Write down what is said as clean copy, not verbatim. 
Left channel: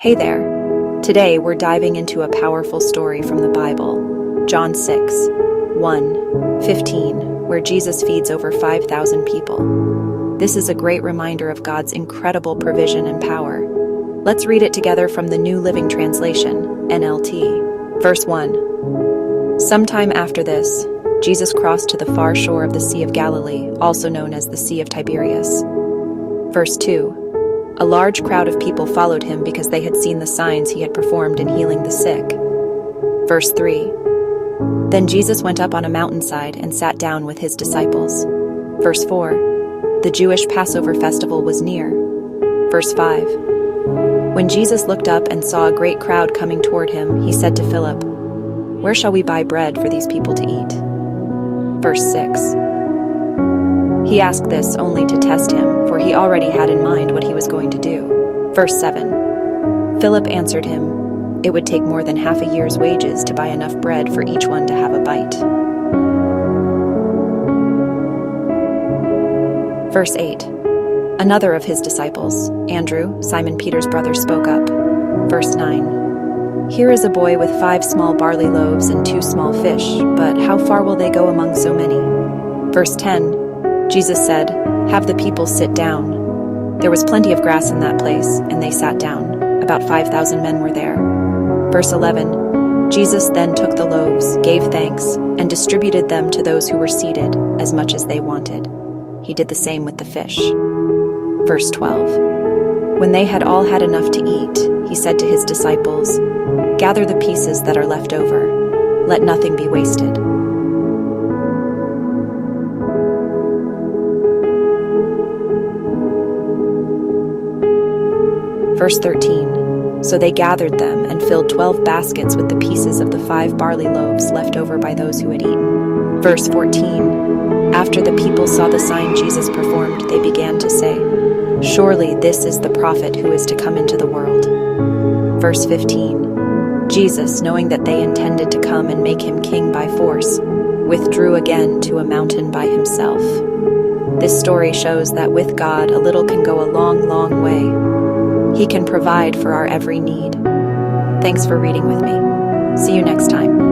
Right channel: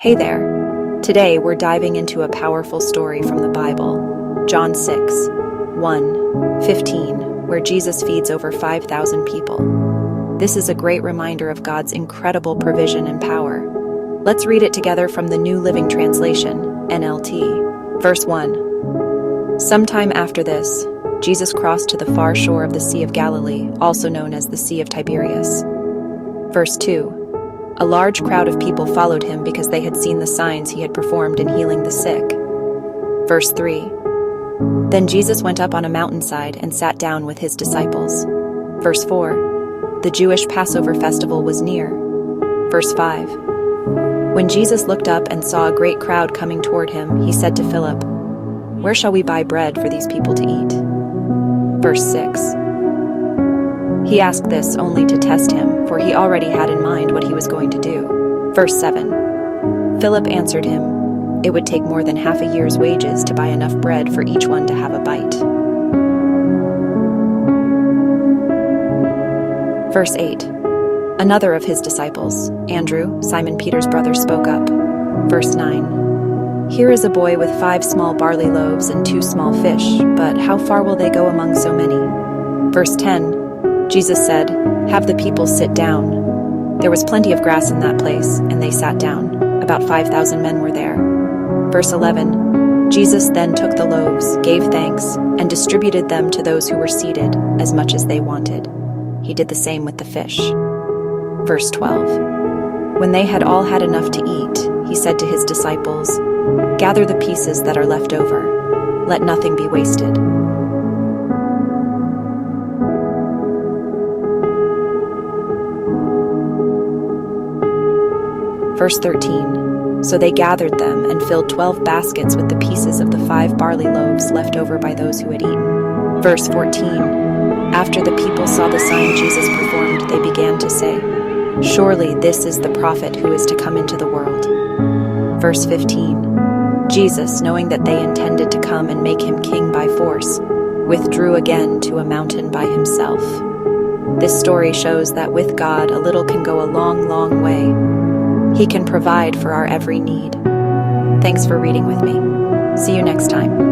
Hey there! Today we're diving into a powerful story from the Bible, John 6, 1, 15, where Jesus feeds over 5,000 people. This is a great reminder of God's incredible provision and power. Let's read it together from the New Living Translation, NLT. Verse 1. Sometime after this, Jesus crossed to the far shore of the Sea of Galilee, also known as the Sea of Tiberias. Verse 2. A large crowd of people followed him because they had seen the signs he had performed in healing the sick. Verse 3. Then Jesus went up on a mountainside and sat down with his disciples. Verse 4. The Jewish Passover festival was near. Verse 5. When Jesus looked up and saw a great crowd coming toward him, he said to Philip, "Where shall we buy bread for these people to eat?" Verse 6. He asked this only to test him, for he already had in mind what he was going to do. Verse 7. Philip answered him, "It would take more than half a year's wages to buy enough bread for each one to have a bite." Verse 8. Another of his disciples, Andrew, Simon Peter's brother, spoke up. Verse 9. Here is a boy with 5 small barley loaves and 2 small fish, but how far will they go among so many? Verse 10. Jesus said, "Have the people sit down." There was plenty of grass in that place, and they sat down. About 5,000 men were there. Verse 11. Jesus then took the loaves, gave thanks, and distributed them to those who were seated, as much as they wanted. He did the same with the fish. Verse 12. When they had all had enough to eat, he said to his disciples, "Gather the pieces that are left over. Let nothing be wasted." Verse 13. So they gathered them and filled 12 baskets with the pieces of the 5 barley loaves left over by those who had eaten. Verse 14. After the people saw the sign Jesus performed, they began to say, "Surely this is the prophet who is to come into the world." Verse 15. Jesus, knowing that they intended to come and make him king by force, withdrew again to a mountain by himself. This story shows that with God, a little can go a long, long way. He can provide for our every need. Thanks for reading with me. See you next time.